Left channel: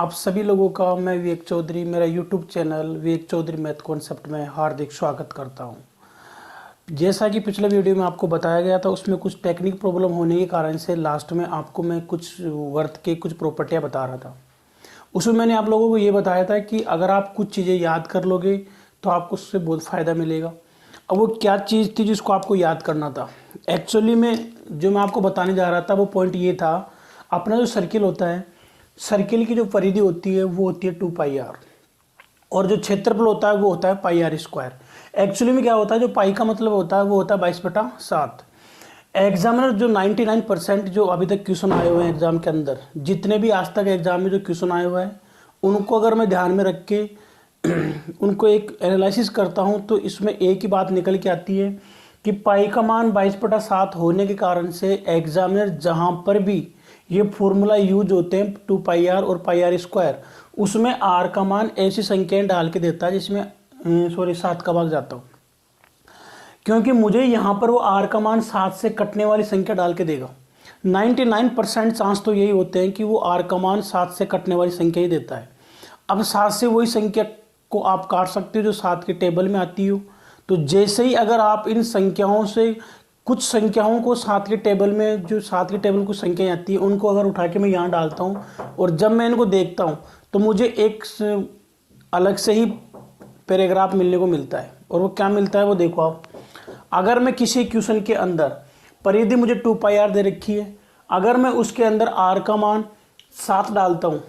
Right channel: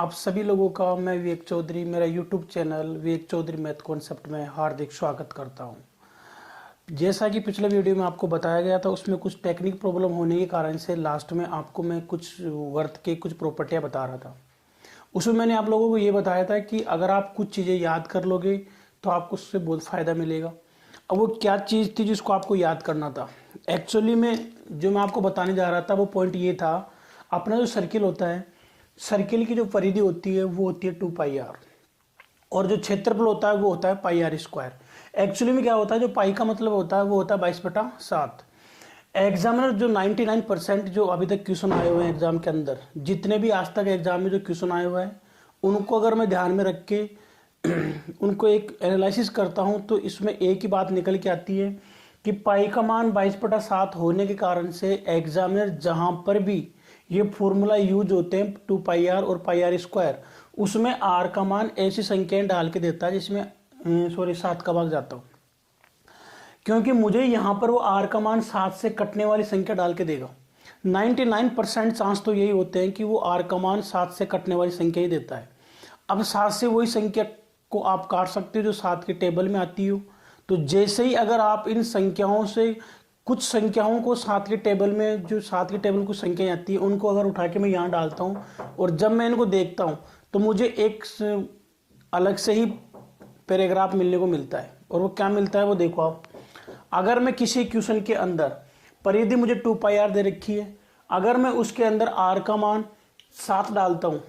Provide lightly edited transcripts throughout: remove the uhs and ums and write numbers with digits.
आप सभी लोगों का मैं विवेक चौधरी मेरा यूट्यूब चैनल विवेक चौधरी मैथ कॉन्सेप्ट में हार्दिक स्वागत करता हूं। जैसा कि पिछले वीडियो में आपको बताया गया था, उसमें कुछ टेक्निक प्रॉब्लम होने के कारण से लास्ट में आपको मैं कुछ वर्थ के कुछ प्रॉपर्टियां बता रहा था। उसमें मैंने आप लोगों को ये बताया था कि अगर आप कुछ चीज़ें याद कर लोगे तो आपको उससे बहुत फ़ायदा मिलेगा। अब वो क्या चीज़ थी जिसको आपको याद करना था? एक्चुअली में जो मैं आपको बताने जा रहा था वो पॉइंट ये था, अपना जो सर्किल होता है, सर्किल की जो परिधि होती है वो होती है 2πr, और जो क्षेत्रफल होता है वो होता है πr²। एक्चुअली में क्या होता है, जो पाई का मतलब होता है वो होता है 22/7। एग्जामिनर जो 99% जो अभी तक क्वेश्चन आए हुए हैं एग्जाम के अंदर, जितने भी आज तक एग्जाम में जो क्वेश्चन आए हुए हैं, उनको अगर मैं ध्यान में रख के उनको एक एनालिसिस करता हूं तो इसमें एक ही बात निकल के आती है कि पाई का मान 22/7 होने के कारण से एग्जामिनर जहां पर भी ये फॉर्मूला यूज होते हैं 2πr और πr², उसमें r का मान ऐसी संख्याएं डाल के देता है जिसमें 7 का भाग जाता हूँ, क्योंकि मुझे यहाँ पर वो r का मान 7 से कटने वाली संख्या डाल के देगा। 99% चांस तो यही होते हैं कि वो r का मान 7 से कटने वाली संख्या ही देता है। अब 7 से वही संख्या को आप काट सकते हो जो 7 के टेबल में आती हो। तो जैसे ही अगर आप इन संख्याओं से कुछ संख्याओं को 7 के टेबल में, जो 7 के टेबल को संख्याएं आती है, उनको अगर उठा के मैं यहाँ डालता हूँ और जब मैं इनको देखता हूँ तो मुझे एक अलग से ही पैराग्राफ मिलने को मिलता है। और वो क्या मिलता है वो देखो आप। अगर मैं किसी क्वेश्चन के अंदर परिधि मुझे 2πr दे रखी है, अगर मैं उसके अंदर r का मान 7 डालता हूँ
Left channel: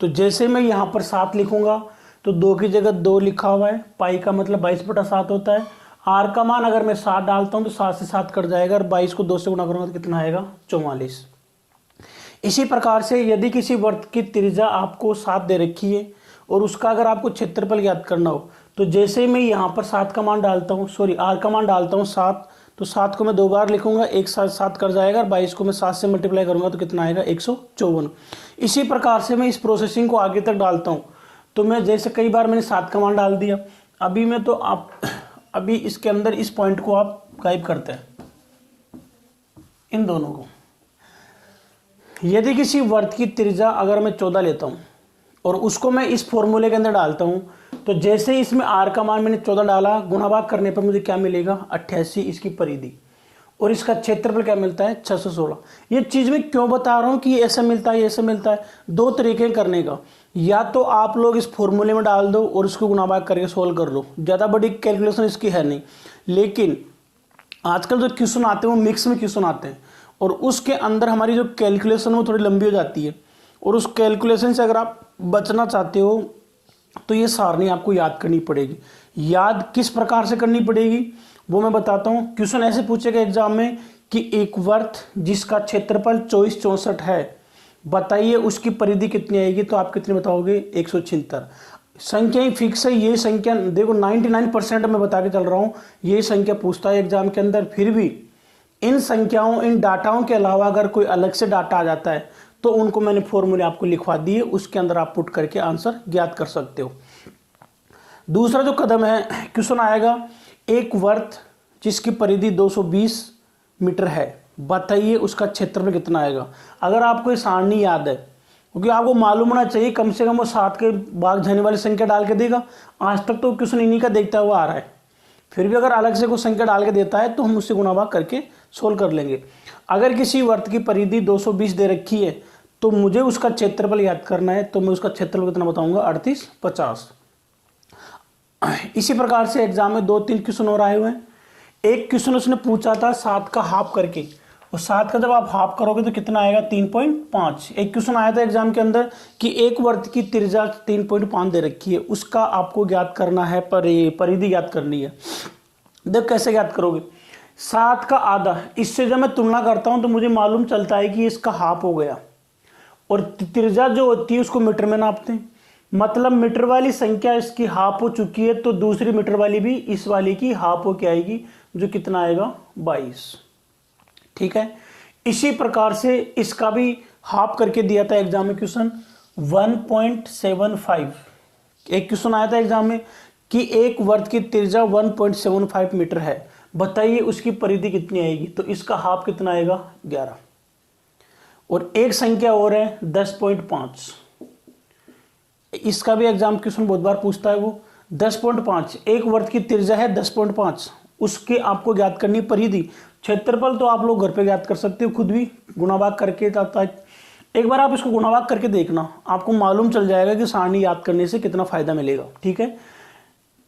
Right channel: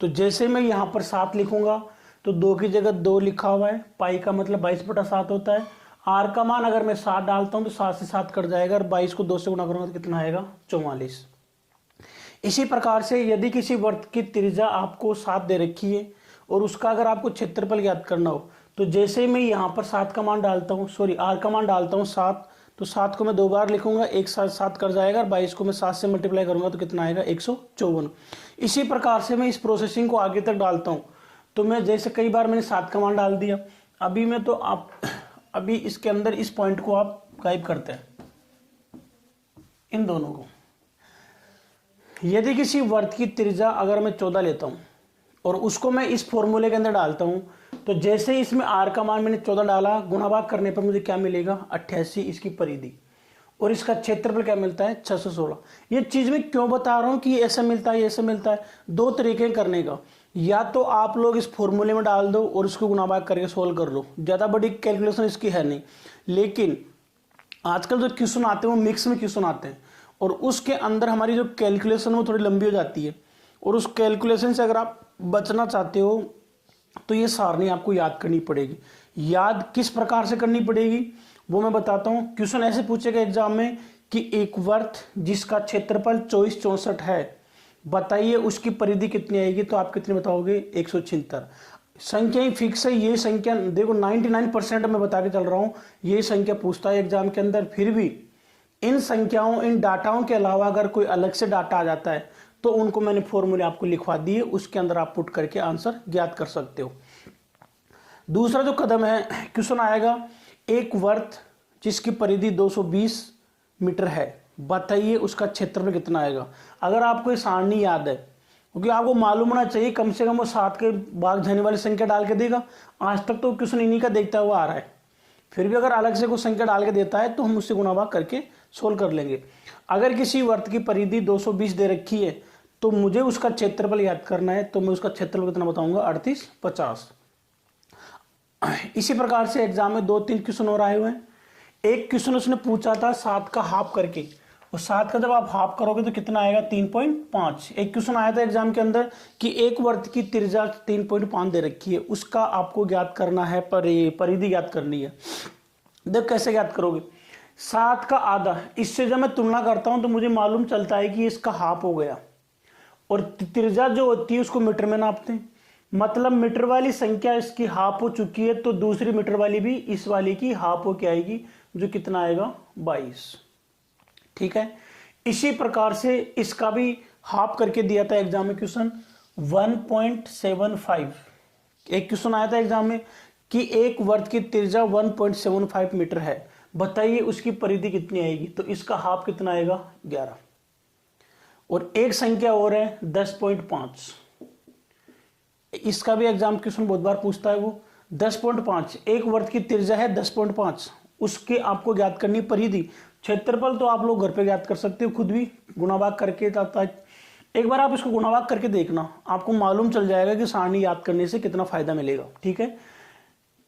तो जैसे मैं यहाँ पर 7 लिखूंगा तो 2 की जगह 2 लिखा हुआ है, पाई का मतलब 22/7 होता है। r का मान अगर मैं 7 डालता हूँ तो 7 से 7 कट जाएगा और 22 को 2 से गुणा करूंगा तो कितना आएगा? 44। इसी प्रकार से यदि किसी वृत्त की त्रिज्या आपको 7 दे रखी है और उसका अगर आपको क्षेत्रफल ज्ञात करना हो तो जैसे ही मैं यहाँ पर 7 का मान डालता हूँ, r का मान डालता हूँ 7, तो 7 को मैं 2 बार लिखूंगा, एक साथ 7 कर जाएगा और 22 को मैं 7 से मल्टीप्लाई करूंगा तो कितना आएगा? 154। इसी प्रकार से मैं इस प्रोसेसिंग को आगे तक डालता हूँ। तो मैं जैसे कई बार मैंने 7 का मान डाल दिया, अभी मैं तो आप अभी इसके अंदर इस पॉइंट को आप गायब करते हैं, इन दोनों को। यदि किसी वर्त की त्रिज्या अगर मैं 14 लेता हूं और उसको मैं इस फॉर्मूले के अंदर डालता हूं तो जैसे ही इसमें r का मान मैंने 14 डाला, गुणा भाग करने पर मुझे क्या मिलेगा? 88 इसकी परिधि, और इसका क्षेत्रफल क्या मिलता है? 616। ये चीज मैं क्यों बता रहा हूं कि ये ऐसा मिलता है, ऐसा मिलता है? दो तरीके करने का, या तो आप लोग इस फॉर्मूले में डाल दो और उसको गुणा भाग करके सोल्व कर लो, ज़्यादा बड़ी कैलकुलेशन इसकी है नहीं। लेकिन आजकल जो क्वेश्चन आते हैं वो मिक्स में क्वेश्चन आते हैं और उसके अंदर हमारी जो कैलकुलेशन वो थोड़ी लंबी हो जाती है, और उस कैलकुलेशन से अगर आप बचना चाहते हो तो ये सारणी आपको याद करनी पड़ेगी। याद किस प्रकार से करनी पड़ेगी वो मैं बताता हूँ। क्वेश्चन ऐसे पूछेगा एग्जाम में कि एक वर्त जिसका क्षेत्रफल 2464 है, बताइए उसकी परिधि कितनी आएगी? तो आप कितने बताओगे? 176। संख्या ही फिक्स है, ये संख्या देखो 99% मैं बता के चल रहा हूँ, ये संख्या पूछता है एग्जाम के अंदर। फिर भी इन संख्याओं, इन डाटाओं के अलावा अगर कोई अलग से डाटा आ जाता है तो उनको मैंने फॉर्मूले आपको लिखवा दिए, उसके अंदर आप पुट करके आंसर ज्ञात कर सकते हो। दूसरा जो कदम है, क्वेश्चन आएगा एक वर्त जिसकी परिधि 220 मीटर है, बताइए उसका क्षेत्रफल कितना आएगा? अगर आपको ये सारणी याद है, क्योंकि आपको मालूम होना चाहिए, कम से कम वो 7 के भाग जाने वाली संख्या डाल के देगा। आज तक तो क्वेश्चन इन्हीं का देखता हुआ आ रहा है, फिर भी अगर अलग से कोई संख्या डाल के देता है तो हम उससे गुणा भाग करके सोल्व कर लेंगे। अगर किसी वर्त की परिधि 220 दे रखी है तो मुझे उसका क्षेत्रफल याद करना है, तो मैं उसका क्षेत्रफल कितना बताऊंगा? 3850। इसी प्रकार से एग्जाम में 2-3 क्वेश्चन और आए हुए हैं। एक क्वेश्चन उसने पूछा था 7 का हाफ करके, और 7 का जब आप हाफ करोगे तो कितना आएगा? 3.5। एक क्वेश्चन आया था एग्जाम के अंदर कि एक वर्त की त्रिज्या 3.5 दे रखी है, उसका आपको ज्ञात करना है, परिधि ज्ञात करनी है। देख कैसे ज्ञात करोगे? 7 का आधा, इससे जब मैं तुलना करता हूं तो मुझे मालूम चलता है कि इसका हाफ हो गया, और त्रिज्या जो होती है उसको मीटर में नापते हैं, मतलब मीटर वाली संख्या इसकी हाफ हो चुकी है तो दूसरी मीटर वाली भी इस वाली की हाफ हो के आएगी, जो कितना आएगा? 22। ठीक है। इसी प्रकार से इसका भी हाफ करके दिया था एग्जाम में क्वेश्चन 1.75। एक क्वेश्चन आया था एग्जाम में कि एक वर्त की त्रिज्या 1.75 मीटर है, बताइए उसकी परिधि कितनी आएगी? तो इसका हाफ कितना आएगा? 11। और एक संख्या और है 10.5। इसका भी एग्जाम क्वेश्चन बहुत बार पूछता है वो। 10.5 एक वर्ग की त्रिज्या है 10.5, उसके आपको ज्ञात करनी परिधि। क्षेत्रफल तो आप लोग घर पे ज्ञात कर सकते हो खुद भी, गुणा भाग करके। एक बार आप इसको गुणा भाग करके देखना, आपको मालूम चल जाएगा कि सारणी याद करने से कितना फायदा मिलेगा। ठीक है,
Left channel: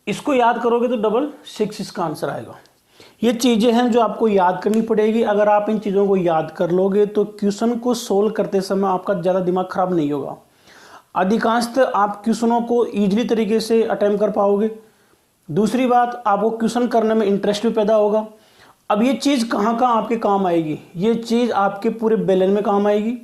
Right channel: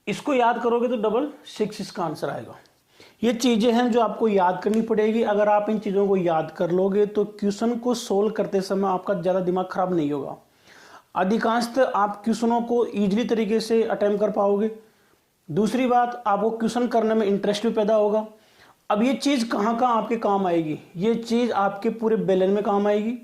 इसको याद करोगे तो 666 इसका आंसर आएगा। ये चीजें हैं जो आपको याद करनी पड़ेगी। अगर आप इन चीजों को याद कर लोगे तो क्वेश्चन को सोल्व करते समय आपका ज्यादा दिमाग खराब नहीं होगा। अधिकांशतः आप क्वेश्चनों को इजीली तरीके से अटेम्प्ट कर पाओगे। दूसरी बात, आपको क्वेश्चन करने में इंटरेस्ट भी पैदा होगा। अब ये चीज कहाँ कहाँ आपके काम आएगी? ये चीज आपके पूरे बेलन में काम आएगी,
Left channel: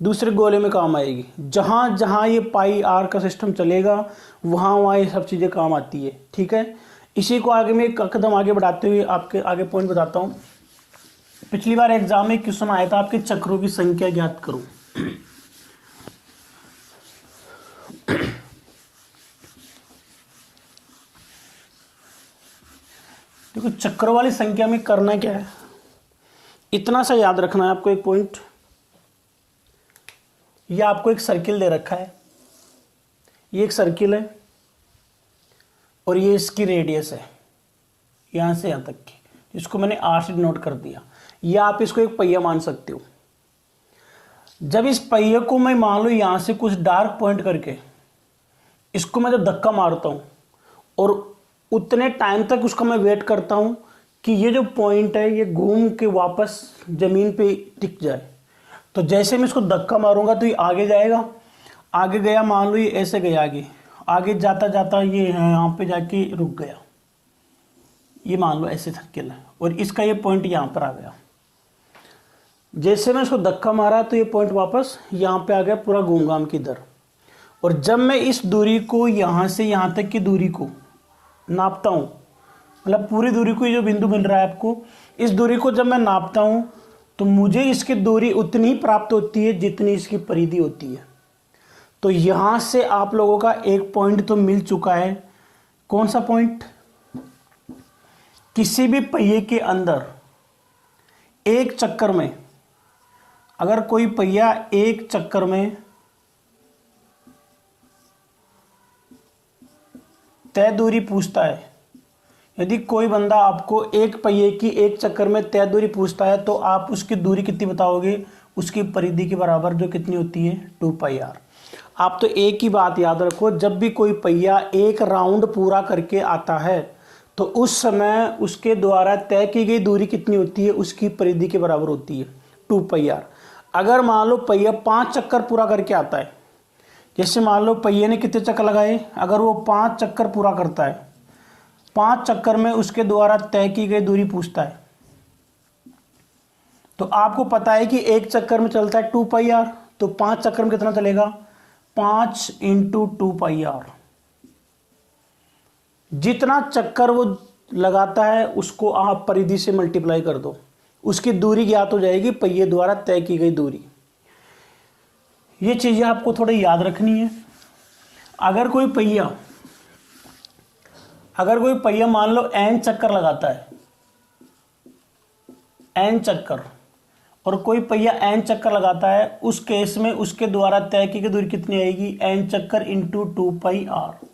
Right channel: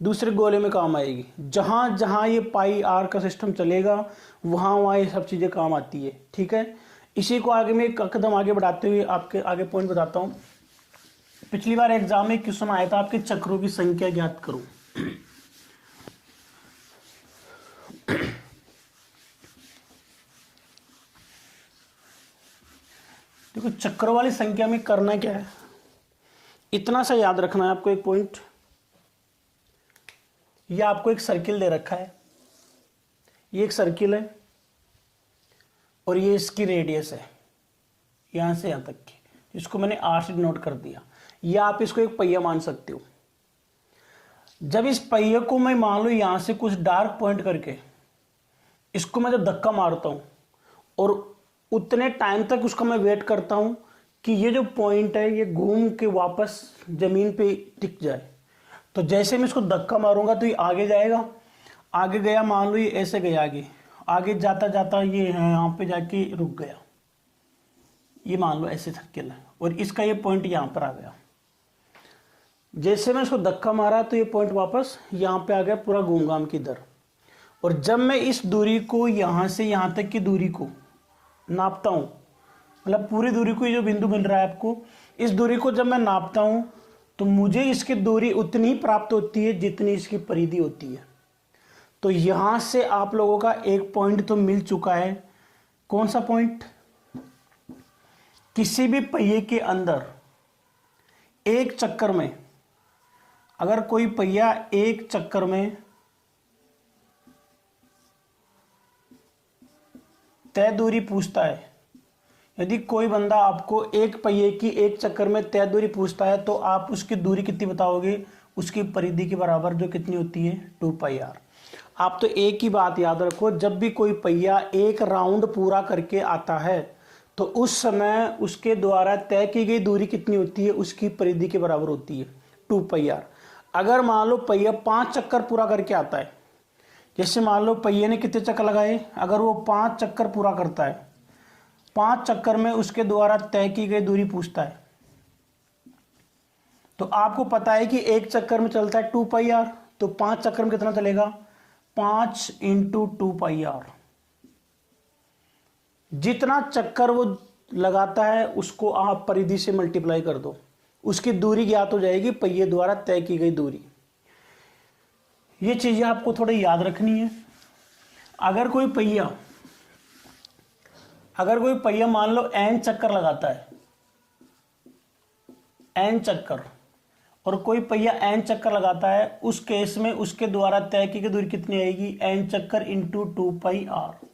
दूसरे गोले में काम आएगी। जहां जहां ये पाई आर का सिस्टम चलेगा वहां वहां ये सब चीजें काम आती है। ठीक है, इसी को आगे में एक कदम आगे बढ़ाते हुए आपके आगे पॉइंट बताता हूं। पिछली बार एग्जाम में क्वेश्चन आया था आपके चक्रों की संख्या ज्ञात करो। देखो चक्र वाली संख्या में करना क्या है, इतना सा याद रखना है आपको। एक पॉइंट, ये आपको एक सर्किल दे रखा है, ये एक सर्किल है और ये इसकी रेडियस है यहां से यहां तक की, इसको मैंने आर से नोट कर दिया। या आप इसको एक पहिया मान सकते हो। जब इस पहिए को मैं मान लो यहां से कुछ डार्क पॉइंट करके इसको मैं जब धक्का मारता हूं और उतने टाइम तक उसका मैं वेट करता हूं कि ये जो पॉइंट है ये घूम के वापस जमीन पे टिक जाए, तो जैसे मैं इसको धक्का मारूंगा तो ये आगे जाएगा। आगे गया, मान लो ये ऐसे गया आगे, आगे जाता जाता ये यहाँ पे जाके रुक गया, ये मान लो ऐसे सर्किल है और इसका ये पॉइंट यहाँ पर आ गया। जैसे मैं इसको धक्का मारा तो ये पॉइंट वापस यहाँ पे आ गया, पूरा घूम घाम की इधर। और जब मैं इस दूरी को यहाँ से यहाँ तक की दूरी को नापता हूँ, मतलब पूरी दूरी को, ये जो बिंदु मिल रहा है आपको, इस दूरी को जब मैं नापता हूँ तो मुझे इसकी दूरी उतनी ही प्राप्त होती है जितनी इसकी परिधि होती है। तो यहां से आप लोगों का एक पॉइंट तो मिल चुका है। कौन सा पॉइंट? किसी भी पहिए के अंदर एक चक्कर में, अगर कोई पहिया एक चक्कर में तय दूरी पूछता है, यदि कोई बंदा आपको एक पहिए की एक चक्कर में तय दूरी पूछता है तो आप उसकी दूरी कितनी बताओगे? उसकी परिधि के बराबर, जो कितनी होती है 2πr। आप तो एक ही बात याद रखो, जब भी कोई पहिया एक राउंड पूरा करके आता है तो उस समय उसके द्वारा तय की गई दूरी कितनी होती है? उसकी परिधि के बराबर होती है 2πr। अगर मान लो पहिया 5 चक्कर पूरा करके आता है, जैसे मान लो पहिए ने कितने चक्कर लगाए, अगर वो 5 चक्कर पूरा करता है, 5 चक्कर में उसके द्वारा तय की गई दूरी पूछता है, तो आपको पता है कि एक चक्कर में चलता है 2πr, तो 5 चक्कर में कितना चलेगा? 5 × 2πr। जितना चक्कर वो लगाता है उसको आप परिधि से मल्टीप्लाई कर दो, उसकी दूरी ज्ञात हो जाएगी, पहिए द्वारा तय की गई दूरी। ये चीजें आपको थोड़ी याद रखनी है। अगर कोई पहिया मान लो n चक्कर लगाता है, n चक्कर, और कोई पहिया n चक्कर लगाता है, उस केस में उसके द्वारा तय की गई दूरी कितनी आएगी? n चक्कर × 2πr।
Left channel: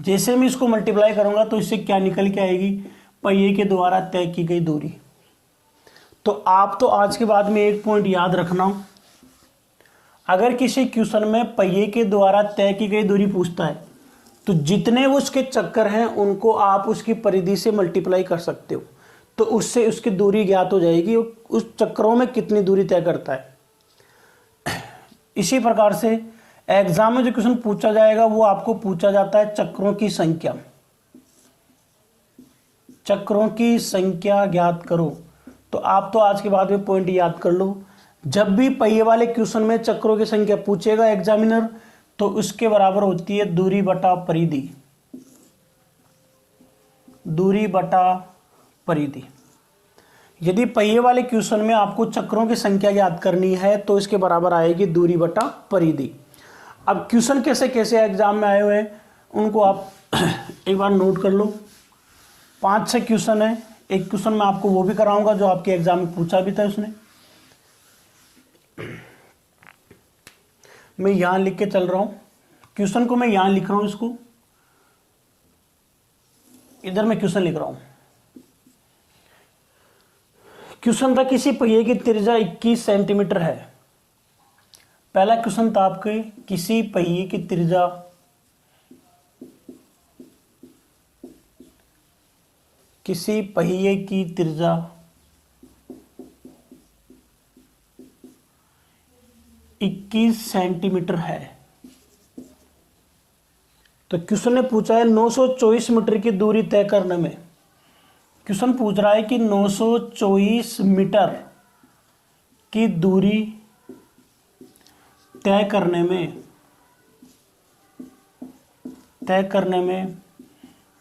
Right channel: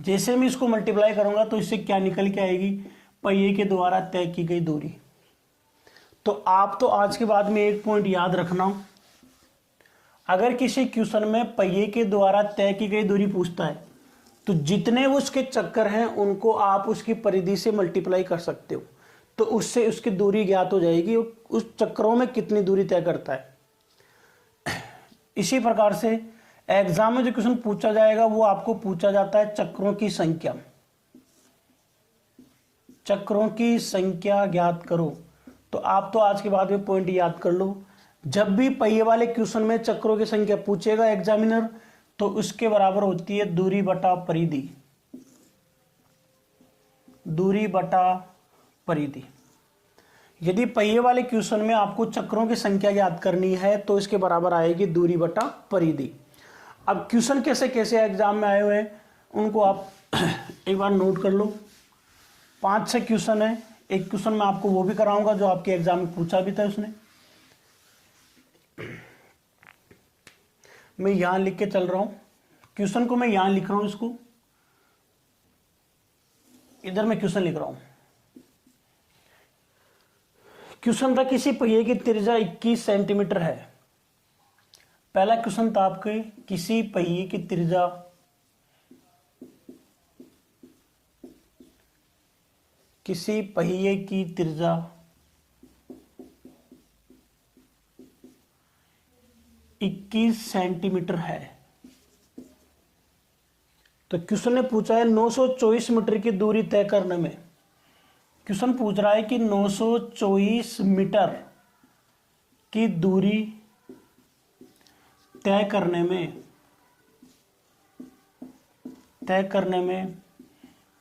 जैसे मैं इसको मल्टीप्लाई करूंगा तो इससे क्या निकल के आएगी? पहिए के द्वारा तय की गई दूरी। तो आप तो आज के बाद में एक पॉइंट याद रखना, अगर किसी क्वेश्चन में पहिए के द्वारा तय की गई दूरी पूछता है तो जितने वो उसके चक्कर हैं उनको आप उसकी परिधि से मल्टीप्लाई कर सकते हो, तो उससे उसकी दूरी ज्ञात हो जाएगी, उस चक्रों में कितनी दूरी तय करता है। इसी प्रकार से एग्जाम में जो क्वेश्चन पूछा जाएगा वो आपको पूछा जाता है चक्रों की संख्या। चक्रों की संख्या ज्ञात करो। तो आप तो आज के बाद में पॉइंट याद कर लो, जब भी पहिए वाले क्वेश्चन में चक्रों की संख्या पूछेगा एग्जामिनर तो उसके बराबर होती है दूरी बटा परिधि। दूरी बटा परिधि। यदि पहिए वाले क्वेश्चन में आपको चक्रों की संख्या याद करनी है तो इसके बराबर आएगी दूरी बटा परिधि। अब क्वेश्चन कैसे कैसे एग्जाम में आए हुए हैं उनको आप एक बार नोट कर लो। 5-6 क्वेश्चन है। एक क्वेश्चन मैं आपको वो भी कराऊंगा जो आपके एग्जाम में पूछा भी था उसने। मैं यहां लिख के चल रहा हूं क्वेश्चन को मैं यहां लिख रहा हूं, इसको इधर मैं क्वेश्चन लिख रहा हूं। क्वेश्चन था किसी पहिए की त्रिज्या 21 सेंटीमीटर है। पहला क्वेश्चन था आपके किसी पहिए की त्रिज्या 21 सेंटीमीटर है। तो क्वेश्चन ने पूछा है 924 मीटर की दूरी तय करने में। क्वेश्चन पूछ रहा है कि 924 मीटर की दूरी तय करने में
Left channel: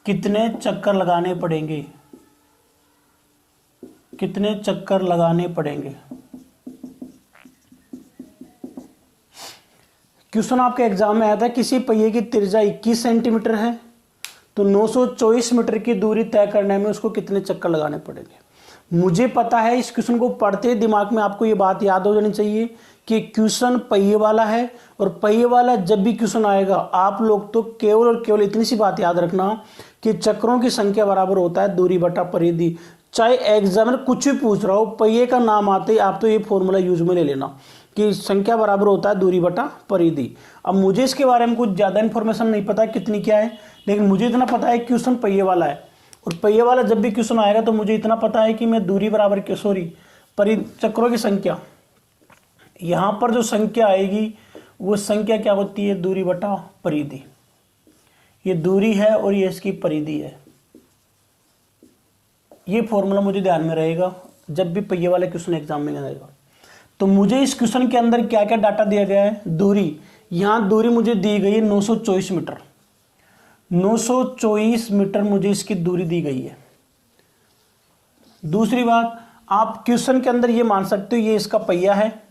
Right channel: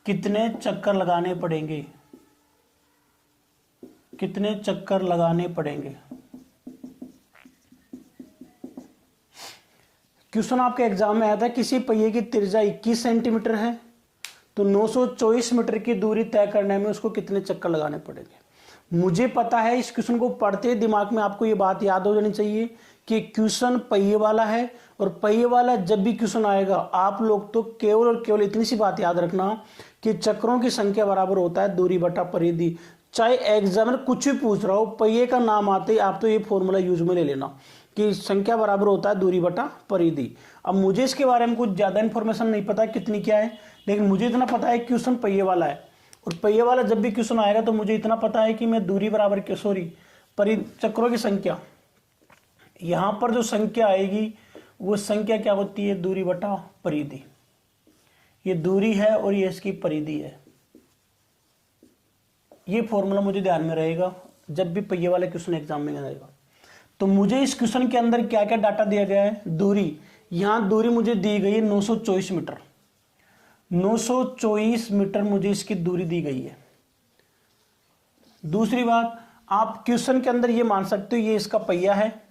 कितने चक्कर लगाने पड़ेंगे। क्वेश्चन आपके एग्जाम में आया था किसी पहिए की त्रिज्या 21 सेंटीमीटर है, तो 924 मीटर की दूरी तय करने में उसको कितने चक्कर लगाने पड़ेंगे। मुझे पता है, इस क्वेश्चन को पढ़ते ही दिमाग में आपको ये बात याद हो जानी चाहिए कि क्वेश्चन पहिए वाला है, और पहिए वाला जब भी क्वेश्चन आएगा आप लोग तो केवल और केवल इतनी सी बात याद रखना कि चक्रों की संख्या बराबर होता है दूरी बटा परिधि। चाहे एग्जामिनर कुछ भी पूछ रहा हो, पहिए का नाम आते ही आप तो ये फॉर्मूला यूज में ले लेना कि संख्या बराबर होता है दूरी बटा परिधि। अब मुझे इसके बारे में कुछ ज्यादा इंफॉर्मेशन नहीं पता कितनी क्या है, लेकिन मुझे इतना पता है क्वेश्चन पहिए वाला है, और पहिए वाला जब भी क्वेश्चन आएगा तो मुझे इतना पता है कि मैं दूरी बराबर चक्रों की संख्या, यहां पर जो संख्या आएगी वो संख्या क्या होती है, दूरी बटा परिधि। ये दूरी है और ये इसकी परिधि है। ये फॉर्मूला मुझे ध्यान में रहेगा जब भी पहिए वाले क्वेश्चन एग्जाम में आएगा। तो मुझे इस क्वेश्चन के अंदर क्या क्या डाटा दिया गया है, दूरी, यहां दूरी मुझे दी गई है 924 मीटर। 924 मीटर मुझे इसकी दूरी दी गई है। दूसरी बात, आप क्वेश्चन के अंदर ये मान सकते हो ये इसका पहिया है,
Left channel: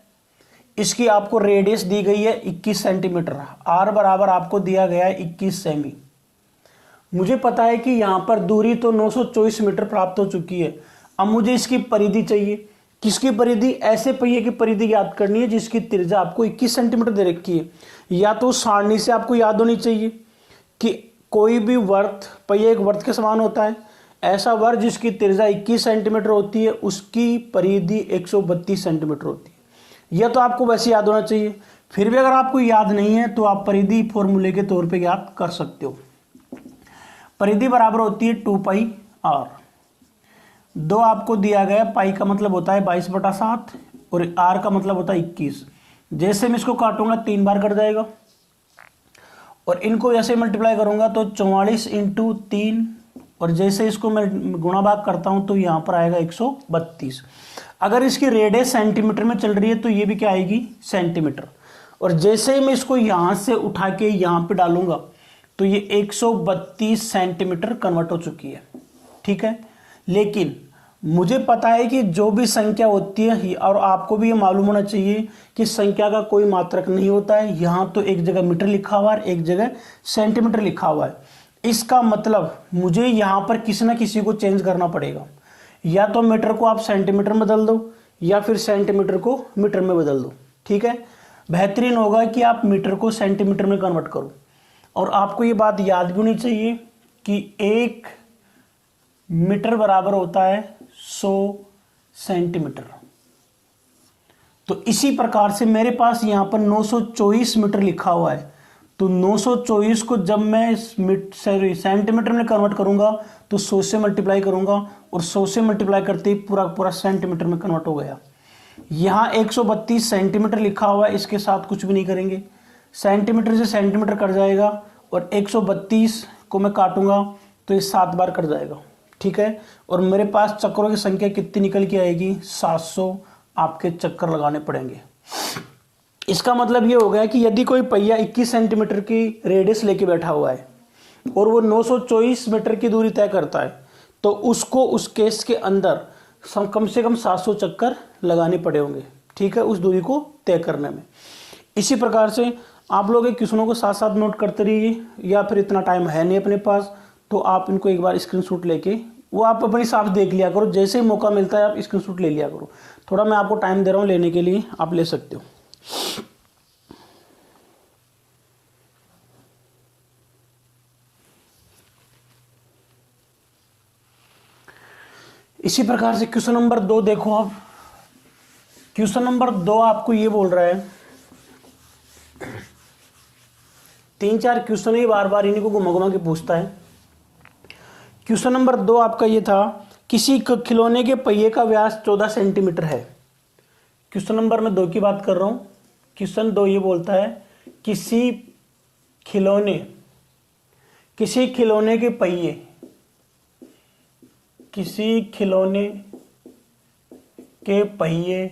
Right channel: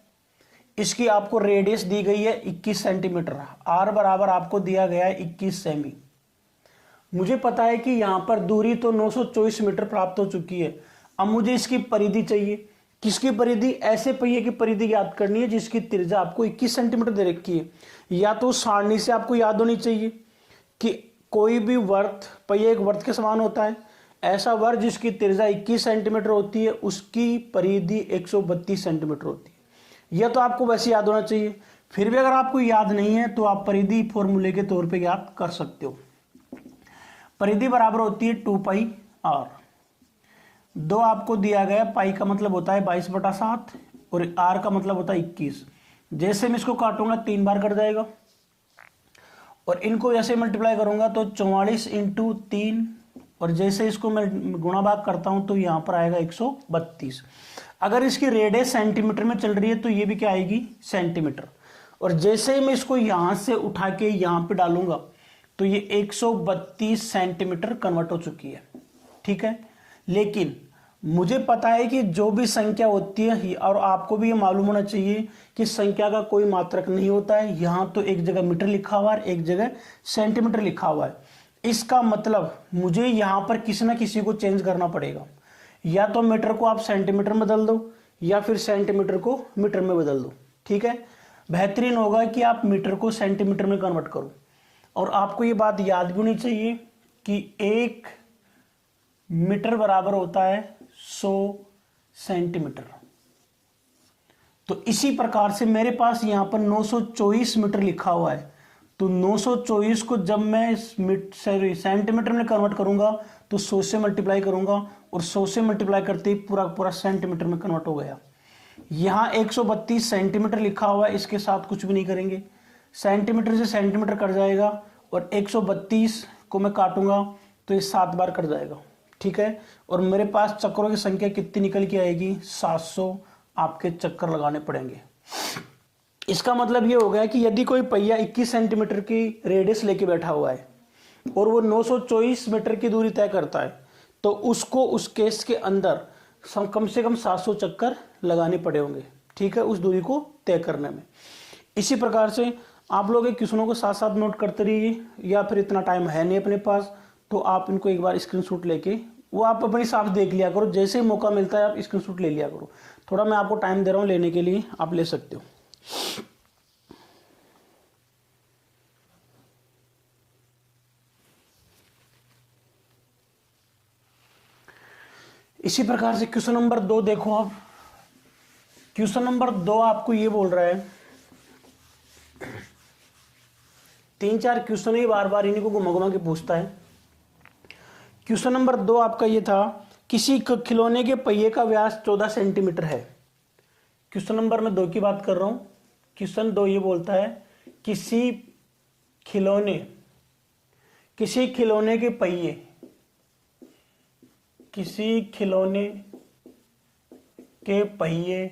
इसकी आपको रेडियस दी गई है 21 सेंटीमीटर, आर बराबर आपको दिया गया है 21 सेमी। मुझे पता है कि यहां पर दूरी तो 924 मीटर प्राप्त हो चुकी है। अब मुझे इसकी परिधि चाहिए। किसकी परिधि, ऐसे पहिए की परिधि याद करनी है जिसकी त्रिज्या आपको 21 सेंटीमीटर दे रखी है। या तो सारणी से आपको याद होनी चाहिए कि कोई भी वर्त, पहिए एक वर्त के समान होता है, ऐसा वर्त जिसकी त्रिज्या 21 सेंटीमीटर होती है उसकी परिधि 132 सेंटीमीटर होती है। यह तो आपको वैसे याद होना चाहिए। फिर भी अगर आपको याद नहीं है तो आप परिधि फॉर्मूले के तौर पे याद कर सकते हो। परिधि बराबर होती है 2 पाई आर। 2 आपको दिया गया, पाई का मतलब होता है 22/7 और आर का मतलब होता है 21। जैसे मैं इसको काटूंगा 3 बार कट जाएगा, और इनको जैसे मल्टीप्लाई करूंगा तो 44 × 3, और जैसे इसको मैं गुणा भाग करता हूं तो यहां पर आएगा 132। अगर इसकी रेडियस सेंटीमीटर में चल रही है तो ये भी क्या आएगी, सेंटीमीटर। और जैसे ही मैं इसको यहां से उठा के यहां पे डालूंगा तो ये 132 सेंटीमीटर कन्वर्ट हो चुकी है। ठीक है, लेकिन मुझे पता है कि जो भी संख्या होती है, और आपको भी ये मालूम होना चाहिए कि संख्या का कोई मात्रक नहीं होता है। यहां तो एक जगह मीटर लिखा हुआ है, एक जगह सेंटीमीटर लिखा हुआ है। इसका मतलब मुझे यहां पर किसी ना किसी को चेंज करना पड़ेगा। या तो मीटर को आप सेंटीमीटर में बदल दो, या फिर सेंटीमीटर को मीटर में बदल दो। ठीक है, बेहतरीन होगा कि आप मीटर को सेंटीमीटर में कन्वर्ट करो। और आपको ये बात याद भी होनी चाहिए कि 1 मीटर बराबर होता है 100 सेंटीमीटर। तो इसी प्रकार से मेरे पास यहां पर 924 मीटर लिखा हुआ है, तो 924 को जब मैं सेंटीमीटर में कन्वर्ट करूंगा तो 100 से मल्टीप्लाई करूंगा, और 100 से मल्टीप्लाई करते ही पूरा पूरा सेंटीमीटर में कन्वर्ट हो गया। यहां 132 सेंटीमीटर लिखा हुआ है, इसके साथ कुछ भी नहीं करेंगे, सेंटीमीटर से सेंटीमीटर कट जाएगा, और 132 को मैं काटूंगा तो ये 7 बार कट जाएगा। ठीक है, और मेरे पास चक्रों की संख्या कितनी निकल के आएगी, 700 आपके चक्कर लगाने पड़ेंगे। इसका मतलब ये हो गया कि यदि कोई पहिया 21 सेंटीमीटर की रेडियस लेके बैठा हुआ है और वो 924 मीटर की दूरी तय करता है, तो उसको उस केस के अंदर कम से कम 700 चक्कर लगाने पड़े होंगे। ठीक है, उस दूरी को तय करने में। इसी प्रकार से आप लोग एक क्वेश्चनों को साथ साथ नोट करते रहिए, या फिर इतना टाइम है नहीं अपने पास तो आप इनको एक बार स्क्रीनशॉट लेके वो आप अपने हिसाब से देख लिया करो। जैसे ही मौका मिलता है आप स्क्रीनशॉट ले लिया करो। थोड़ा मैं आपको टाइम दे रहा हूँ लेने के लिए, आप ले सकते हो। इसी प्रकार से क्वेश्चन नंबर 2 देखो आप। क्वेश्चन नंबर 2 आपको ये बोल रहा है, 3-4 क्वेश्चन ही बार बार इन्हीं को घुमा घुमा के पूछता है। क्वेश्चन नंबर 2 आपका ये था, किसी खिलौने के पहिए का व्यास 14 सेंटीमीटर है। क्वेश्चन नंबर मैं 2 की बात कर रहा हूं। क्वेश्चन 2 ये बोलता है, किसी खिलौने के पहिए, किसी खिलौने के पहिए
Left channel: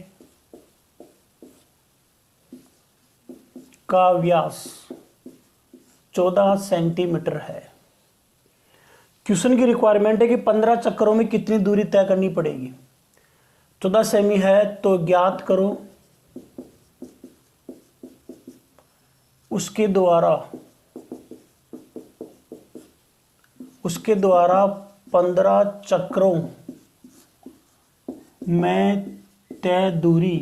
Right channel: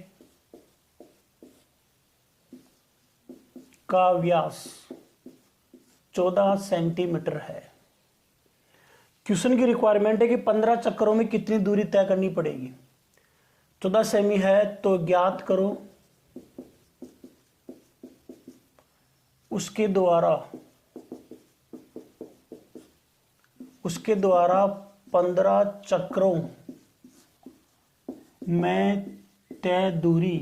का व्यास 14 सेंटीमीटर है। क्वेश्चन की रिक्वायरमेंट है कि 15 चक्करों में कितनी दूरी तय करनी पड़ेगी। 14 सेमी है तो ज्ञात करो उसके द्वारा 15 चक्रों में तय दूरी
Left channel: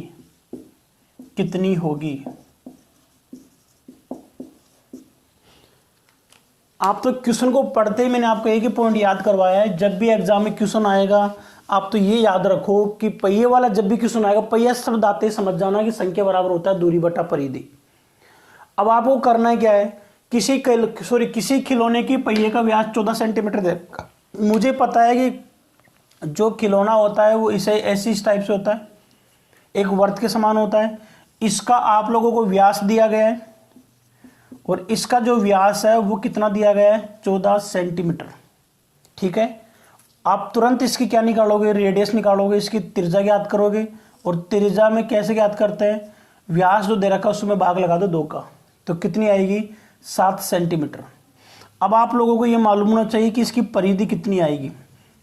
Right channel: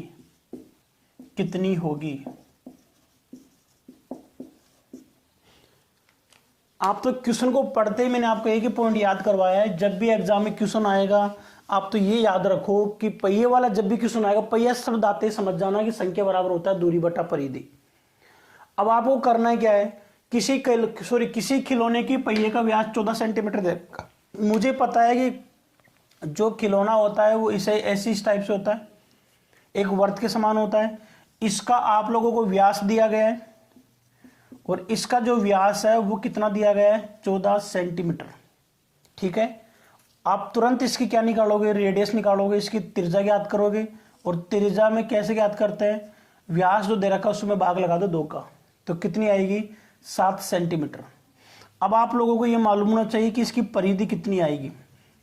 कितनी होगी। आप तो क्वेश्चन को पढ़ते ही मैंने आपको एक ही पॉइंट याद करवाया है, जब भी एग्जाम में क्वेश्चन आएगा आप तो ये याद रखो कि पहिए वाला जब भी क्वेश्चन आएगा, पहिया शब्द आते ही समझ जाना कि संख्या बराबर होता है दूरी बटा परिधि। अब आपको करना है क्या है, किसी खिलौने की पहिए का व्यास 14 सेंटीमीटर देगा। मुझे पता है कि जो खिलौना होता है वो इसे ऐसी टाइप से होता है, एक वर्त के समान होता है। इसका आप लोगों को व्यास दिया गया है और इसका जो व्यास है वो कितना दिया गया है, 14 सेंटीमीटर। ठीक है, आप तुरंत इसकी क्या निकालोगे, रेडियस निकालोगे, इसकी त्रिज्या ज्ञात करोगे। और त्रिज्या में कैसे ज्ञात करते हैं, व्यास जो दे रखा है उसमें भाग लगा दो 2 का, तो कितनी आएगी, 7 सेंटीमीटर। अब आप लोगों को ये मालूम होना चाहिए कि इसकी परिधि कितनी आएगी।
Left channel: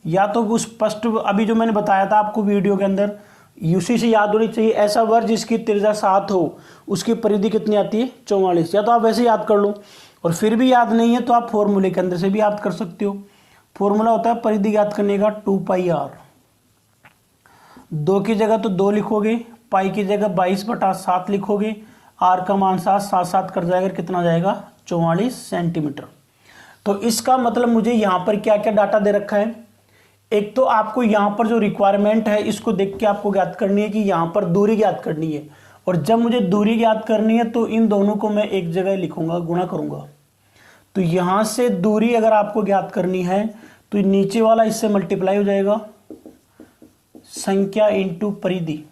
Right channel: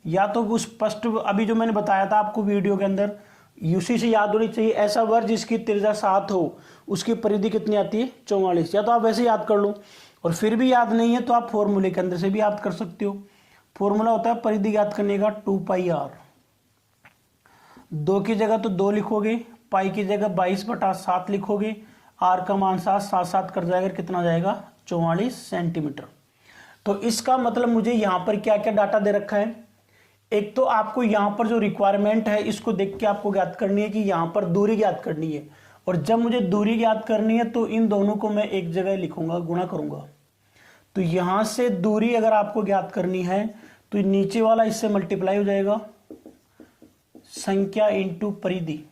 या तो उस स्पष्ट अभी जो मैंने बताया था आपको वीडियो के अंदर, उसी से याद होनी चाहिए। ऐसा वर्ग जिसकी त्रिज्या 7 हो उसकी परिधि कितनी आती है, 44। या तो आप वैसे याद कर लो, और फिर भी याद नहीं है तो आप फॉर्मूले के अंदर से भी याद कर सकते हो। फॉर्मूला होता है परिधि ज्ञात करने का 2πr। 2 की जगह तो 2 लिखोगे, पाई की जगह 22/7 लिखोगे, आर का मान 7 कर जाएगा, कितना जाएगा, 44 सेंटीमीटर। तो इसका मतलब मुझे यहाँ पर क्या क्या डाटा दे रखा है। एक तो आपको यहाँ पर जो रिक्वायरमेंट है इसको देख के आपको ज्ञात करनी है कि यहाँ पर दूरी ज्ञात करनी है। और जब मुझे दूरी ज्ञात करनी है तो इन दोनों को मैं एक जगह लिखूंगा, गुणा करूंगा। तो यहां से दूरी अगर आपको ज्ञात करनी है तो नीचे वाला इससे मल्टीप्लाई हो जाएगा, संख्या इंटू परिधि।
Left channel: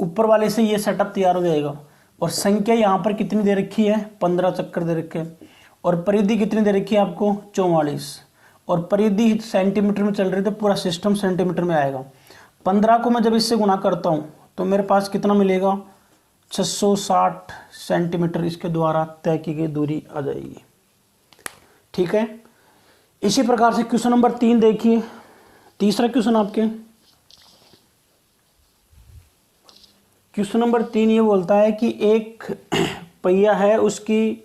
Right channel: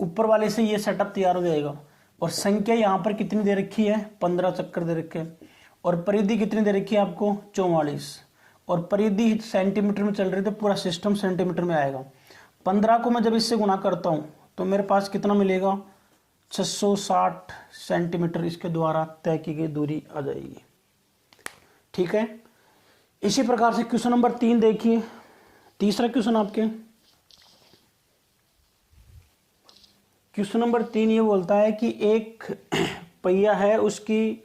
ऊपर वाले से ये सेटअप तैयार हो जाएगा। और संख्या यहां पर कितनी दे रखी है, 15 चक्कर दे रखे हैं। और परिधि कितनी दे रखी है आपको, 44। और परिधि सेंटीमीटर में चल रही तो पूरा सिस्टम सेंटीमीटर में आएगा। 15 को मैं जब इससे गुणा करता हूं तो मेरे पास कितना मिलेगा, 660 सेंटीमीटर इसके द्वारा तय की गई दूरी आ जाएगी। ठीक है, इसी प्रकार से क्वेश्चन नंबर 3 देखिए। तीसरा क्वेश्चन आपके, क्वेश्चन नंबर 3 ये बोलता है कि एक पहिया है, उसकी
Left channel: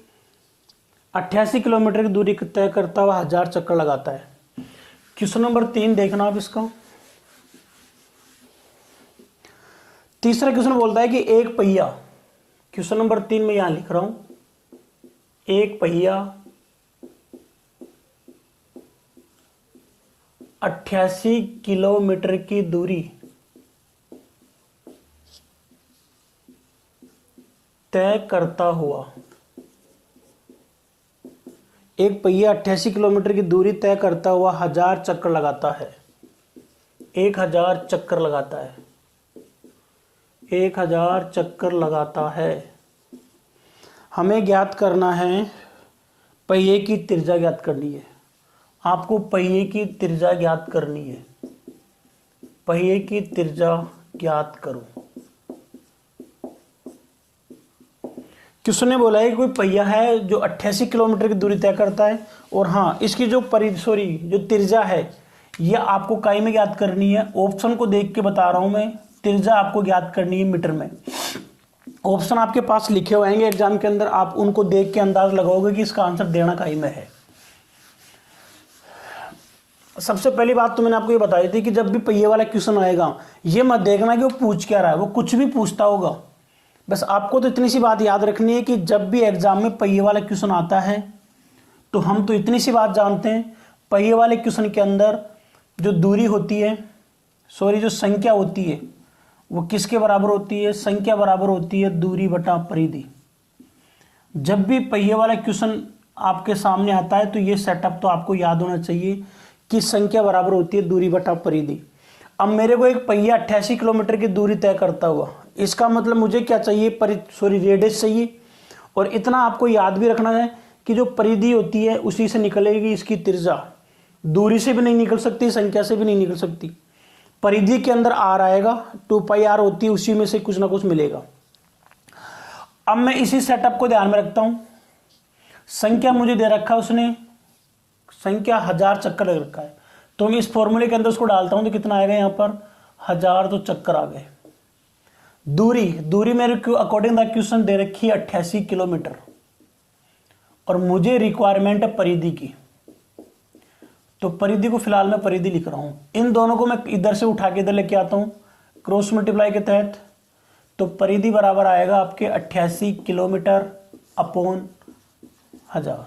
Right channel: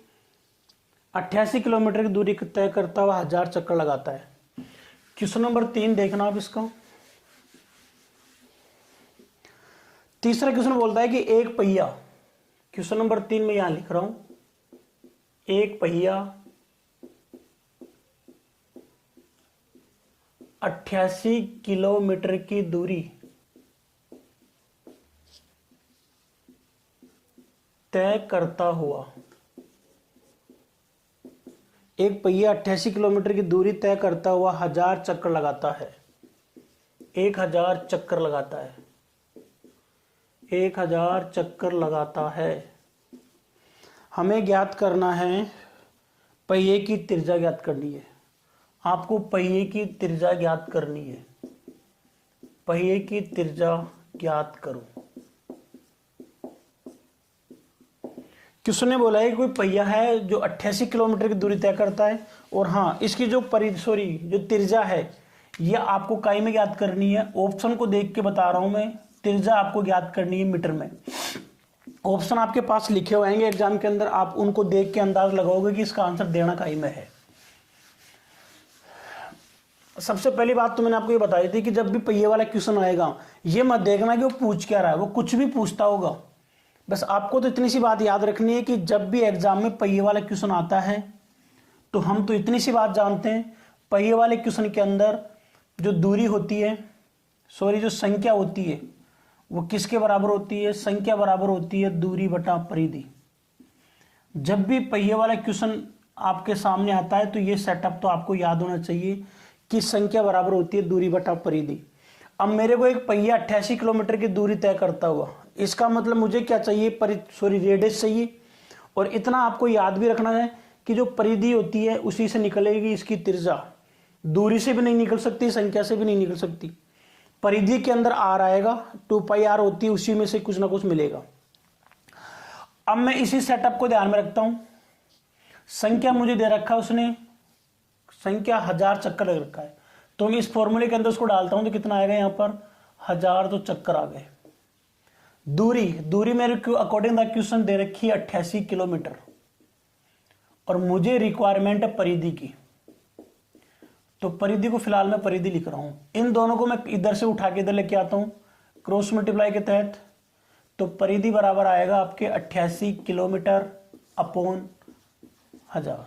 88 किलोमीटर की दूरी तय करता हुआ 1000 चक्कर लगाता है। क्वेश्चन नंबर 3 देखना आप इसका। तीसरा क्वेश्चन बोलता है कि एक पहिया, क्वेश्चन नंबर 3 में यहां लिख रहा हूं, एक पहिया 88 किलोमीटर की दूरी तय करता हुआ, एक पहिया 88 किलोमीटर की दूरी तय करता हुआ 1000 चक्कर लगाता है। 1000 चक्कर लगाता है, 1000 चक्कर लगाता है। हमें ज्ञात करना है, पहिए की त्रिज्या ज्ञात करनी है। आपको पहिए की त्रिज्या ज्ञात करनी है। पहिए की त्रिज्या ज्ञात करो। क्वेश्चन ने बोला है कि कोई पहिया है जो 88 किलोमीटर की दूरी तय करता है, और हाँ इसकी जो जो त्रिज्या है यह आपको काई में ज्ञात करनी है। ऑप्शन को देख के बता रहा हूं मैं, त्रिज्या आपको ज्ञात करनी है मीटर में। ऑप्शन आपके पास लिखे हुए आएंगे एग्जाम के अंदर, आप उनको देख के अंदाज लगाओगे कि इसका आंसर देना काई में है। सबसे पहली बात तो मैंने आपको ये बताई थी कि जब भी पहिए वाला क्वेश्चन आएगा ये मत देखना कि वो पूछ क्या रहा है, वो कुछ भी पूछता होगा। बस आपको तो इतनी सी बात याद रखनी है कि जब भी एग्जाम में पहिए वाला क्वेश्चन आता है तो हम तो इतनी सी बात जानते हैं, पहिए वाले क्वेश्चन के अंदर जो दूरी होती है, सॉरी जो संख्या होती है वो किसके बराबर होती है? संख्या बराबर होती है दूरी बटा परिधि। जब भी पहिए वाला क्वेश्चन आपके सामने आता है तो ये सेटअप तो आपको याद होना चाहिए कि संख्या बराबर होती है दूरी बटा परिधि। अब मेरे को एक पहिया 88 किलोमीटर की दूरी तय करता हुआ, इसका मतलब मुझे क्या चाहिए? रेडियस चाहिए। और इतना आपको याद भी रखना है कि जो परिधि होती है उसी से निकलेगी इसकी त्रिज्या। दूरी से भी नहीं निकल सकती, संख्या से भी नहीं निकल सकती। परिधि के अंदर आर आएगा, 2πr होती है, उसी में से कुछ ना कुछ मिलेगा। अब मैं इसी सेटअप को ध्यान में रखता हूं। संख्या मुझे दे रखा है उसने, संख्या 1000 चक्कर लग रखा है, तो मैं इस फॉर्मूले के अंदर उसको डालता हूं तो कितना आएगा? यहां पर 1000 तो चक्कर आ गए। दूरी मेरे को अकॉर्डिंग द क्वेश्चन दे रखी है 88 किलोमीटर, और मुझे रिक्वायरमेंट है परिधि की, तो परिधि को फिलहाल मैं परिधि लिख रहा हूं। इन दोनों को मैं इधर से उठा के इधर लेके आता हूं क्रॉस मल्टीप्लाई के तहत, तो परिधि बराबर आएगा आपके 88 किलोमीटर अपॉन 1000।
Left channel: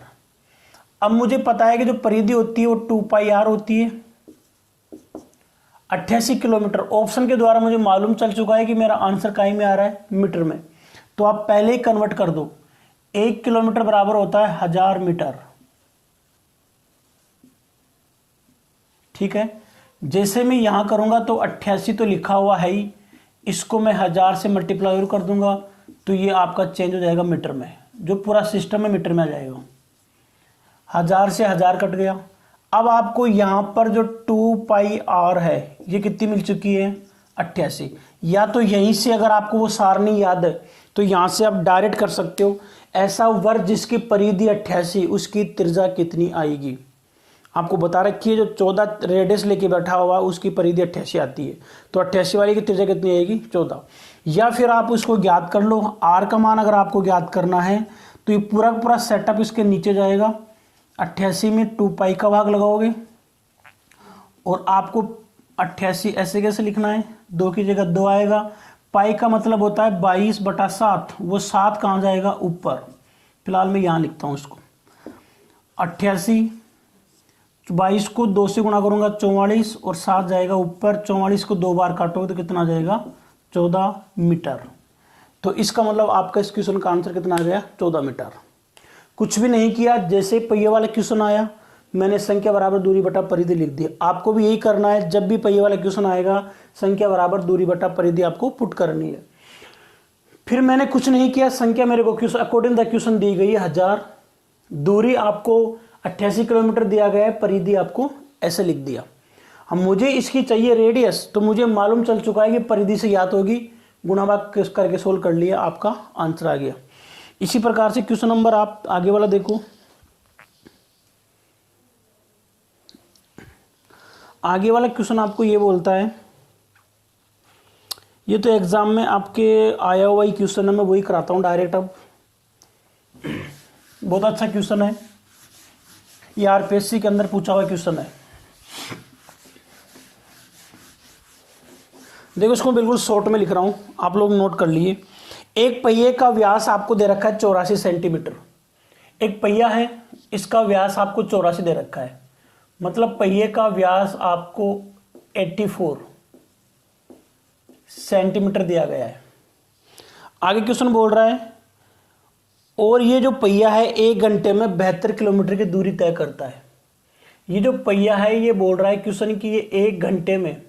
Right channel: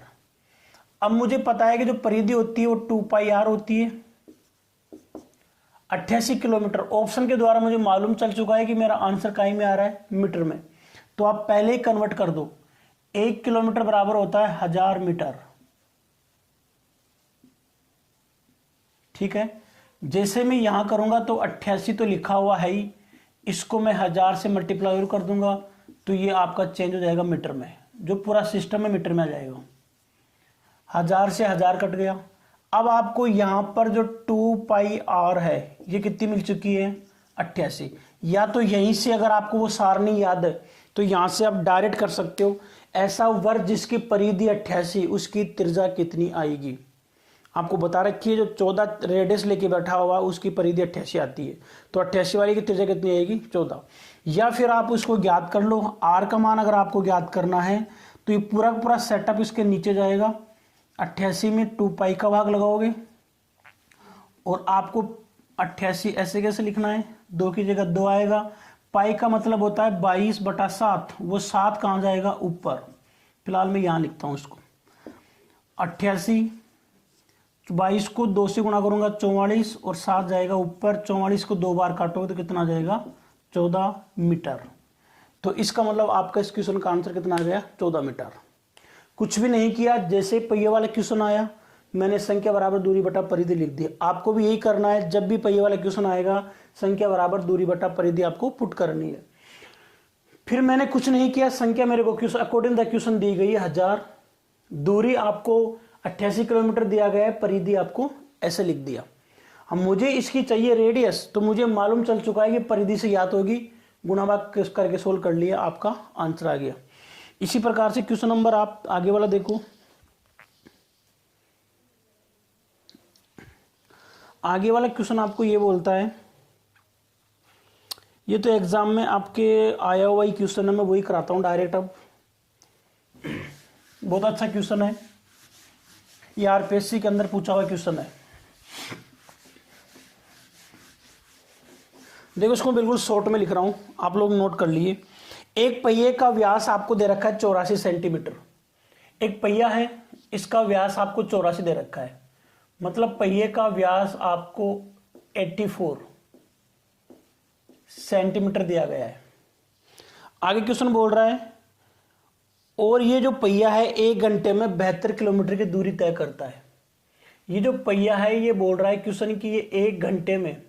अब मुझे पता है कि जो परिधि होती है वो 2πr होती है। 88 किलोमीटर ऑप्शन के द्वारा मुझे मालूम चल चुका है कि मेरा आंसर काई में आ रहा है? मीटर में। तो आप पहले ही कन्वर्ट कर दो, 1 किलोमीटर बराबर होता है 1000 मीटर। ठीक है, जैसे मैं यहां करूंगा तो 88 तो लिखा हुआ है ही, इसको मैं 1000 से मल्टीप्लाई कर दूंगा तो ये आपका चेंज हो जाएगा मीटर में, जो पूरा सिस्टम में मीटर में आ जाएगा। 1000 से 1000 कट गया। अब आपको यहां पर जो 2πr है ये कितनी मिल चुकी है? 88। या तो यहीं से अगर आपको वो सारणी याद है तो यहां से आप डायरेक्ट कर सकते हो, ऐसा वर्ग जिसकी परिधि 88 उसकी त्रिज्या कितनी आएगी? आपको बता रखी है, जो 14 रेडियस लेके बैठा हुआ उसकी परिधि 88 आती है, तो 88 वाली की त्रिज्या कितनी आएगी? 14। या फिर आप उसको ज्ञात कर लो, आर का मान अगर आपको ज्ञात करना है तो ये पूरा पूरा सेटअप इसके नीचे जाएगा। 88 में 2π का भाग लगाओगे, और आपको 88 ऐसे कैसे लिखना है? 2 की जगह 2 आएगा। पाई का मतलब होता है 22/7, वो 7 कहाँ जाएगा? ऊपर। फिलहाल मैं यहाँ लिखता हूँ इसको 88, 22 को 2 से गुणा करूंगा 44, और 7 जाएगा ऊपर। 44 को 2 बार काटोगे तो कितना जाएगा? 14 मीटर। तो इसका मतलब आपका इस क्वेश्चन का आंसर कितना आ गया? 14 मीटर। कुछ भी नहीं किया, जैसे पहिए वाला क्वेश्चन आया मैंने संख्या बराबर दूरी बटा परिधि लिख दी। आपको भी यही करना है, जब भी पहिए वाला क्वेश्चन आएगा संख्या बराबर दूरी बटा परिधि आपको पुट करनी है। फिर मैंने कुछ नहीं किया, संख्या मेरे को क्वेश्चन अकॉर्डिंग द क्वेश्चन दी गई है 1000, दूरी आपको 88 किलोमीटर दिया गया है, परिधि आपको ऐसे लिख दिया। अब मुझे इसकी चाहिए रेडियस, तो मुझे मालूम चल चुका है कि परिधि से याद होगी, गुणा भाग करके सोल्व कर लिया, आपका आंसर आ गया। इसी प्रकार से क्वेश्चन नंबर आप आगे वाला देखो। आगे वाला क्वेश्चन आपको ये बोलता है, ये तो एग्जाम में आपके आया हुआ ही क्वेश्चन है, मैं वही कराता हूं डायरेक्ट। अब बहुत अच्छा क्वेश्चन है, ये आरपीएससी के अंदर पूछा हुआ क्वेश्चन है। देखो इसको बिल्कुल शॉर्ट में लिख रहा हूं, आप लोग नोट कर लिए। एक पहिए का व्यास आपको दे रखा है 84 सेंटीमीटर। एक पहिया है, इसका व्यास आपको 84 दे रखा है, मतलब पहिए का व्यास आपको 84 सेंटीमीटर दिया गया है। आगे क्वेश्चन बोल रहा है, और ये जो पहिया है 1 घंटे में 72 किलोमीटर की दूरी तय करता है। ये जो पहिया है ये बोल रहा है क्वेश्चन कि ये 1 घंटे में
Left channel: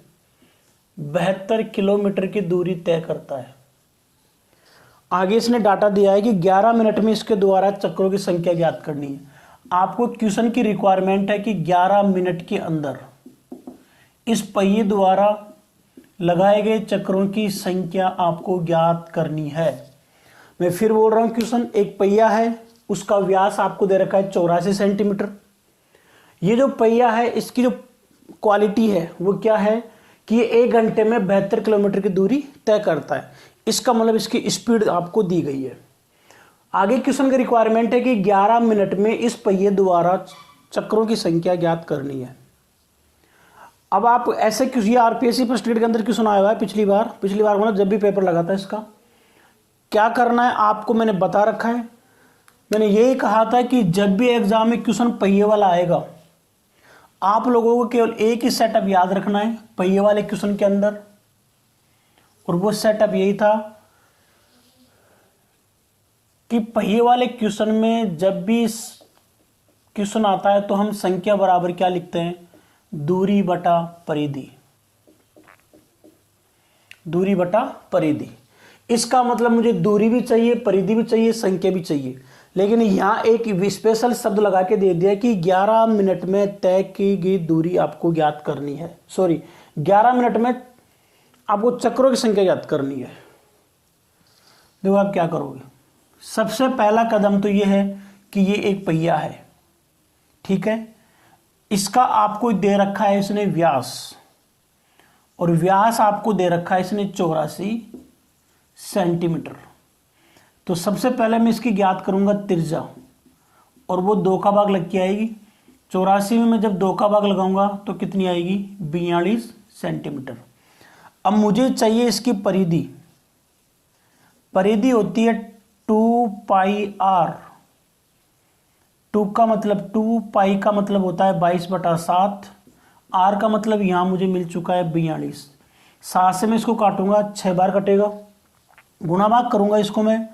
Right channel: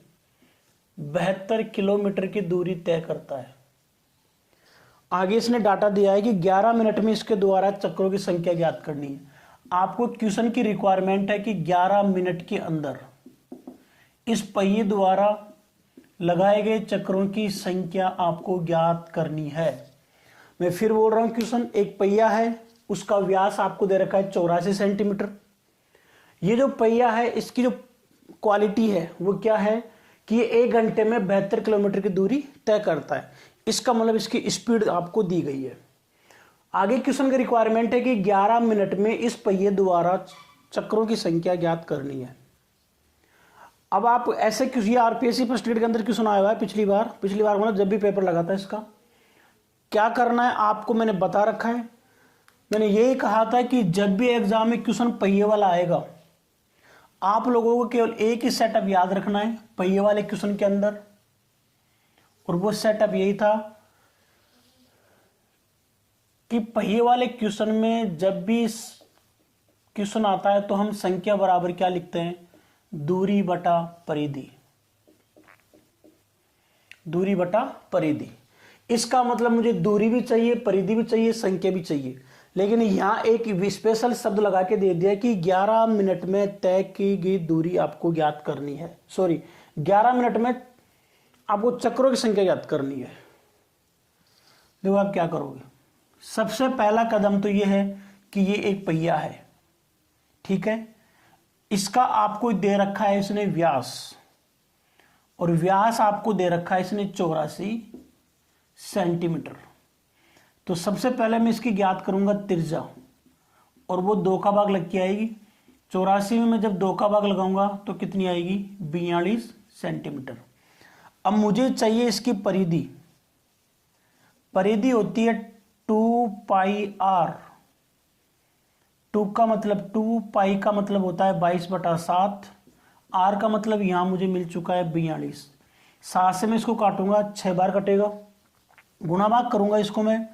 72 किलोमीटर की दूरी तय करता है। आगे इसने डाटा दिया है कि 11 मिनट में इसके द्वारा चक्रों की संख्या ज्ञात करनी है। आपको क्वेश्चन की रिक्वायरमेंट है कि 11 मिनट के अंदर इस पहिए द्वारा लगाए गए चक्रों की संख्या आपको ज्ञात करनी है। मैं फिर बोल रहा हूं, क्वेश्चन एक पहिया है, उसका व्यास आपको दे रखा है 84 सेंटीमीटर। ये जो पहिया है इसकी जो क्वालिटी है वो क्या है कि ये 1 घंटे में 72 किलोमीटर की दूरी तय करता है। इसका मतलब इसकी स्पीड आपको दी गई है। आगे क्वेश्चन की रिक्वायरमेंट है कि 11 मिनट में इस पहिए द्वारा चक्रों की संख्या ज्ञात करनी है। अब आप ऐसे किसी आरपीएससी फर्स्ट ग्रेड के अंदर क्वेश्चन आया हुआ है पिछली बार मतलब जब भी पेपर लगा था, इसका क्या करना है आपको मैंने बता रखा है। मैंने यही कहा था कि जब भी एग्जाम में क्वेश्चन पहिए वाला आएगा, आप लोगों को केवल एक ही सेटअप याद रखना है पहिए वाले क्वेश्चन के अंदर, और वो सेटअप यही था कि पहिए वाले क्वेश्चन में जब भी क्वेश्चन आता है तो हम संख्या बराबर क्या लिखते हैं, दूरी बटा परिधि, दूरी बटा परिधि। इसका मतलब मुझे दूरी भी चाहिए, परिधि भी चाहिए, संख्या भी चाहिए, लेकिन यहां एक स्पेशल शब्द लगा के दे दिया कि 11 मिनट में तय की गई दूरी आपको ज्ञात करनी है। सॉरी, 11 मिनट में आपको चक्रों की संख्या ज्ञात करनी है। देखो आप क्या करोगे, सबसे पहला कदम तो यह है कि ये एक पहिया है, ठीक है, इसका आपको दे रखा है इसने व्यास, और व्यास आपको दे रखा है इसने 84 सेंटीमीटर। तो सबसे पहले मैं इसकी ज्ञात करूंगा त्रिज्या, और वो 2 का भाग लग के आएगी। 84 में मैं जब 2 का भाग लगाऊंगा तो कितनी आएगी, 42 सेंटीमीटर। अब मुझे चाहिए इसकी परिधि, परिधि होती है 2 पाई आर। 2 का मतलब 2, पाई का मतलब होता है 22/7, आर का मतलब यहां मुझे मिल चुका है 42। 7 से मैं इसको काटूंगा, 6 बार कटेगा, गुणा भाग करूंगा इसको मैं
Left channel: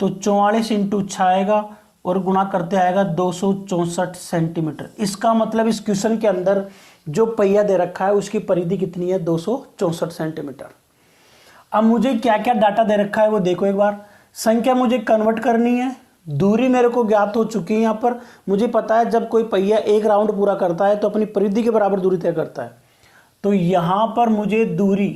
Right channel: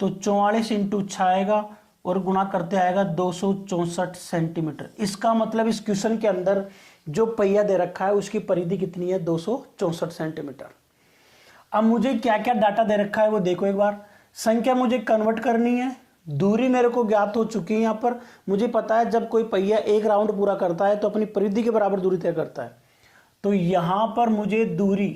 तो 44 इंटू 6 आएगा, और गुणा करते आएगा 264 सेंटीमीटर। इसका मतलब इस क्वेश्चन के अंदर जो पहिया दे रखा है उसकी परिधि कितनी है, 264 सेंटीमीटर। अब मुझे क्या क्या डाटा दे रखा है वो देखो एक बार। संख्या मुझे कन्वर्ट करनी है, दूरी मेरे को ज्ञात हो चुकी है। यहां पर मुझे पता है जब कोई पहिया एक राउंड पूरा करता है तो अपनी परिधि के बराबर दूरी तय करता है। तो यहां पर मुझे दूरी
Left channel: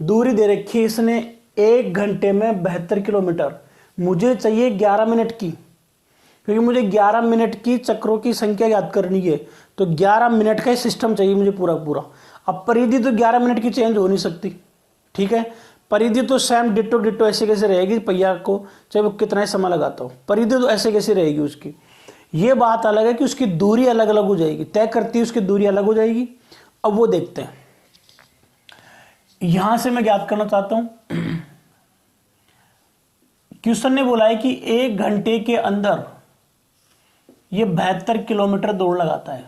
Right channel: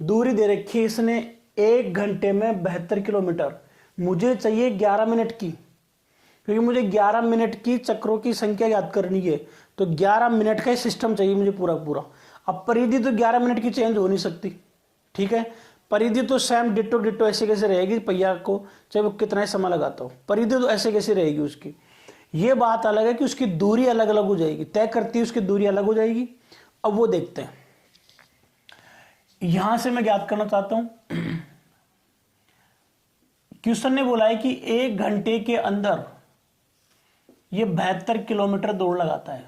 दे रखी है इसने 1 घंटे में 72 किलोमीटर। मुझे चाहिए 11 मिनट की, क्योंकि मुझे 11 मिनट की चक्रों की संख्या याद करनी है, तो 11 मिनट का सिस्टम चाहिए मुझे पूरा पूरा। अब परिधि तो 11 मिनट की चेंज हो नहीं सकती, ठीक है, परिधि तो सेम डिट्टो डिट्टो ऐसे कैसे रहेगी पहिया को, चाहे वो कितना ही समय लगाता हो, परिधि तो ऐसे कैसे रहेगी उसकी। ये बात अलग है कि उसकी दूरी अलग अलग हो जाएगी, तय करती है उसकी दूरी अलग हो जाएगी। अब वो देखते हैं, यहां से मैं ज्ञात करना चाहता हूं। क्वेश्चन ने बोला है कि 1 घंटे के अंदर ये 72 किलोमीटर दौड़ लगाता है,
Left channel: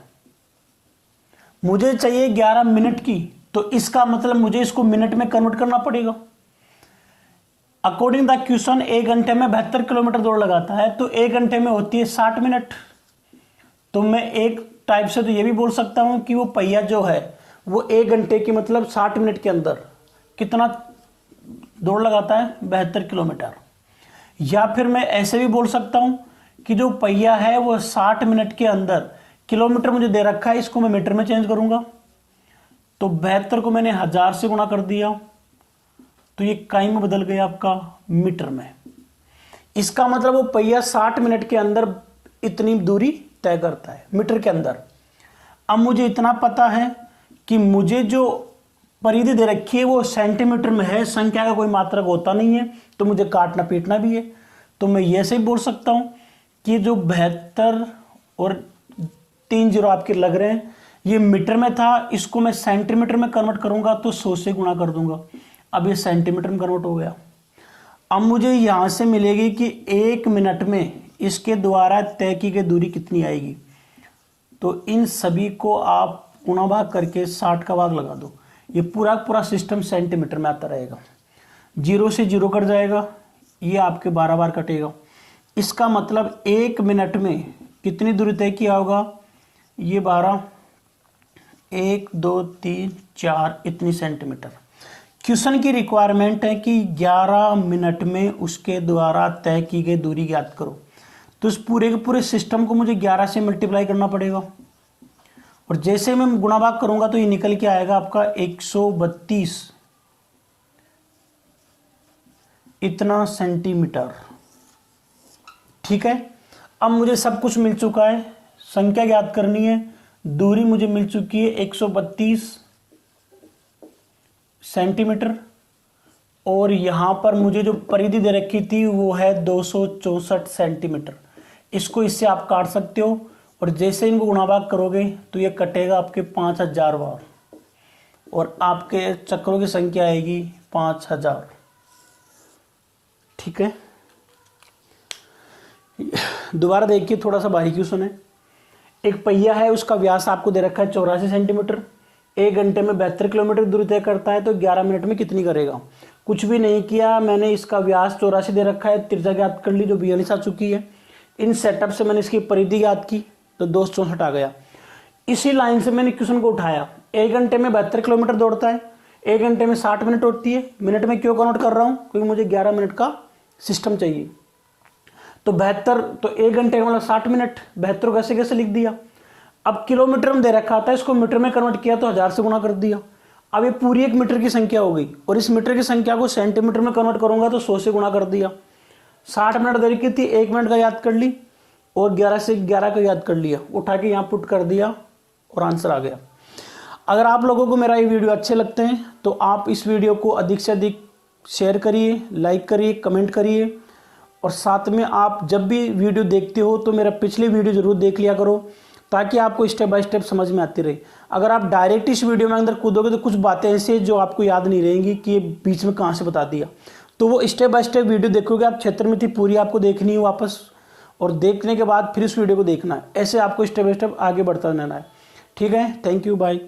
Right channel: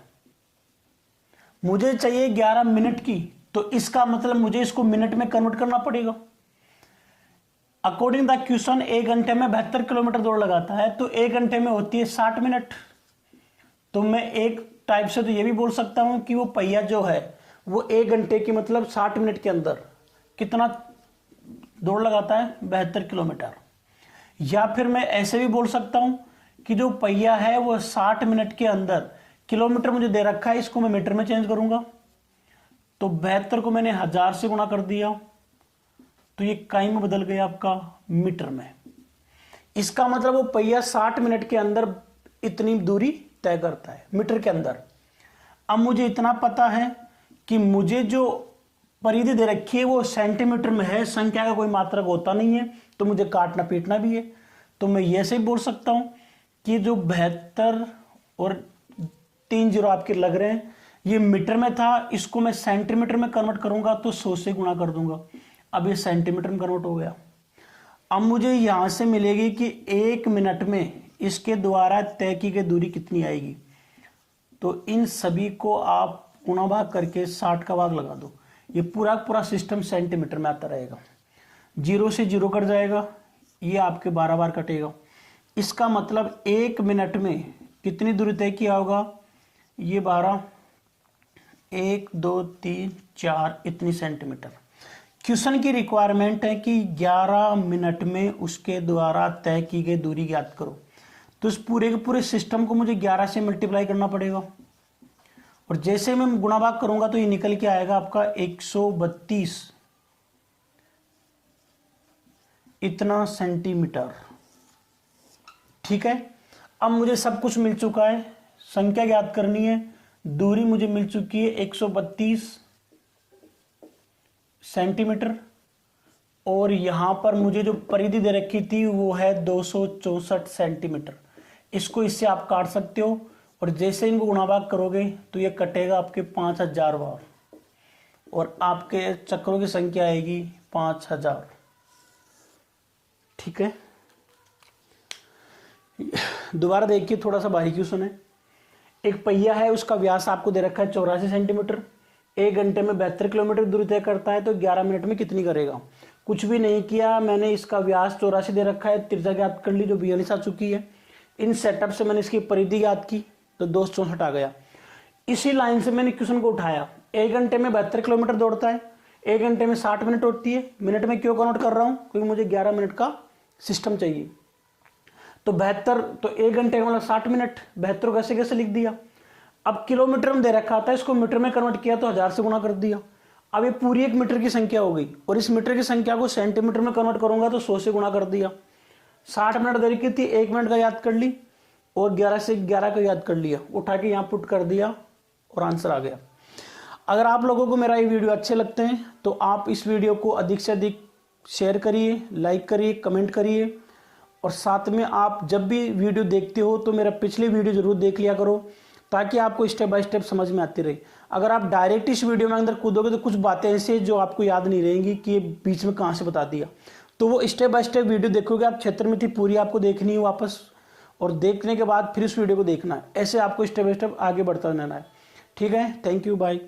मुझे चाहिए 11 मिनट की, तो इसका मतलब मुझे इसको मिनट में कन्वर्ट करना पड़ेगा। अकॉर्डिंग द क्वेश्चन 1 घंटे में 72 किलोमीटर दौड़ लगाता है, तो 1 घंटे में होती है 60 मिनट। तो मैं एक टाइप से तो ये भी बोल सकता हूं कि वो पहिया जो है वो 1 घंटे की मतलब 60 मिनट के अंदर कितना दौड़ लगाता है, 72 किलोमीटर। या फिर मैं ऐसे भी बोल सकता हूं कि जो पहिया है वो 60 मिनट के अंदर, किलोमीटर मुझे दे रखा है, इसको मैं मीटर में चेंज करूंगा, तो 72 को मैंने 1000 से गुणा कर दिया, तो ये काई में बदल गया आपका मीटर में। इसका मतलब वो पहिया 60 मिनट के अंदर इतनी दूरी तय करता है मीटर के अंदर। अब मुझे इतना पता है कि मुझे जो परिधि दे रखी है वो सेंटीमीटर में है, संख्या का कोई मात्रक होता नहीं है, तो मुझे काटना पीटना भी है। तो मैं ये से बोल सकता हूं कि जो 72 और 3 जीरो आपके लग रहे हैं ये मीटर में था, इसको मैं सेंटीमीटर में कन्वर्ट करूंगा तो 100 से गुणा कर दूंगा, अब ये सेंटीमीटर में कन्वर्ट हो गया। अब मुझे यहां से मिलेगी कि 1 मिनट में इसके द्वारा तय की गई दूरी कितनी आएगी। तो इन सभी को आप गुणा भाग करके 60 का भाग लगा दो, ये पूरा पूरा सिस्टम सेंटीमीटर में आता रहेगा। 0 से 0 कट जाएगा, ये आपके 12 बार कटेगा। इसका मतलब 1 मिनट में कितनी दूरी तय किया होगा, ये 12, 1 2 3 4 इतनी सेंटीमीटर। क्वेश्चन की रिक्वायरमेंट है कि 11 मिनट में उसके द्वारा तय की गई दूरी ज्ञात करो। तो इस पूरे के पूरे सिस्टम को मुझे 11 से मल्टीप्लाई करना पड़ेगा, और जैसे मैं गुणा भाग करूंगा तो ये निकल के आएगा आपका 132 इतना सेंटीमीटर, ठीक है। अब मुझे सब कुछ मिल चुका है, संख्या ज्ञात करनी है, दूरी मुझे मिल चुकी है 132 सेंटीमीटर, और यहां पर मुझे जो परिधि दे रखी थी वो है 264 सेंटीमीटर। इसको इससे आप काट सकते हो, और जैसे इनको गुणा भाग करोगे तो ये कटेगा आपके 5000 बार, और आपके चक्रों की संख्या आएगी 5000, ठीक है। दोबारा देखिए, थोड़ा सा बारीकी सुने। एक पहिया है, उसका व्यास आपको दे रखा है 84 सेंटीमीटर, 1 घंटे में 72 किलोमीटर दूरी तय करता है, तो 11 मिनट में कितनी करेगा। कुछ भी नहीं किया मैंने, इसका व्यास 84 दे रखा है, त्रिज्या ज्ञात कर ली जो 42 आ चुकी है। इन सेटअप से मैंने इसकी परिधि ज्ञात की तो 264 आ गया। इसी लाइन से मैंने क्वेश्चन को उठाया, 1 घंटे में 72 किलोमीटर दौड़ता है, 1 घंटे में 60 मिनट होती है, मिनट में क्यों कन्वर्ट कर रहा हूं, क्योंकि मुझे 11 मिनट का सिस्टम चाहिए। तो 72 तो 1 घंटे का मतलब 60 मिनट, 72 कैसे कैसे लिख दिया। अब किलोमीटर में दे रखा था, इसको मीटर में कन्वर्ट किया तो 1000 से गुणा कर दिया। अब ये पूरी एक मीटर की संख्या हो गई, और इस मीटर की संख्या को सेंटीमीटर में कन्वर्ट करूंगा तो 100 से गुणा कर दिया। 60 मिनट देरी की थी, 1 मिनट का याद कर ली, और 11 से 11 का याद कर लिया, उठा के यहाँ पुट कर दिया और आंसर आ गया। अगर आप लोगों को मेरा ये वीडियो अच्छे लगते हैं तो आप इस वीडियो को अधिक से अधिक शेयर करिए, लाइक करिए, कमेंट करिए, और साथ में आप जब भी वीडियो देखते हो तो मेरा पिछली वीडियो जरूर देख लिया करो, ताकि आपको स्टेप बाय स्टेप समझ में आती रहे। अगर आप डायरेक्ट इस वीडियो में अंदर कूदोगे तो कुछ बातें ऐसी जो आपको याद नहीं रहेंगी कि ये बीच में कहाँ से बता दिया। तो वो स्टेप बाय स्टेप वीडियो देखोगे आप, क्षेत्र में थी पूरी आपको देखनी है वापस, और देखने के बाद फिर इस वीडियो को देखना है। ऐसे आपको स्टेप बाय स्टेप आगे बढ़ता रहना है। ठीक है, थैंक यू, बाय।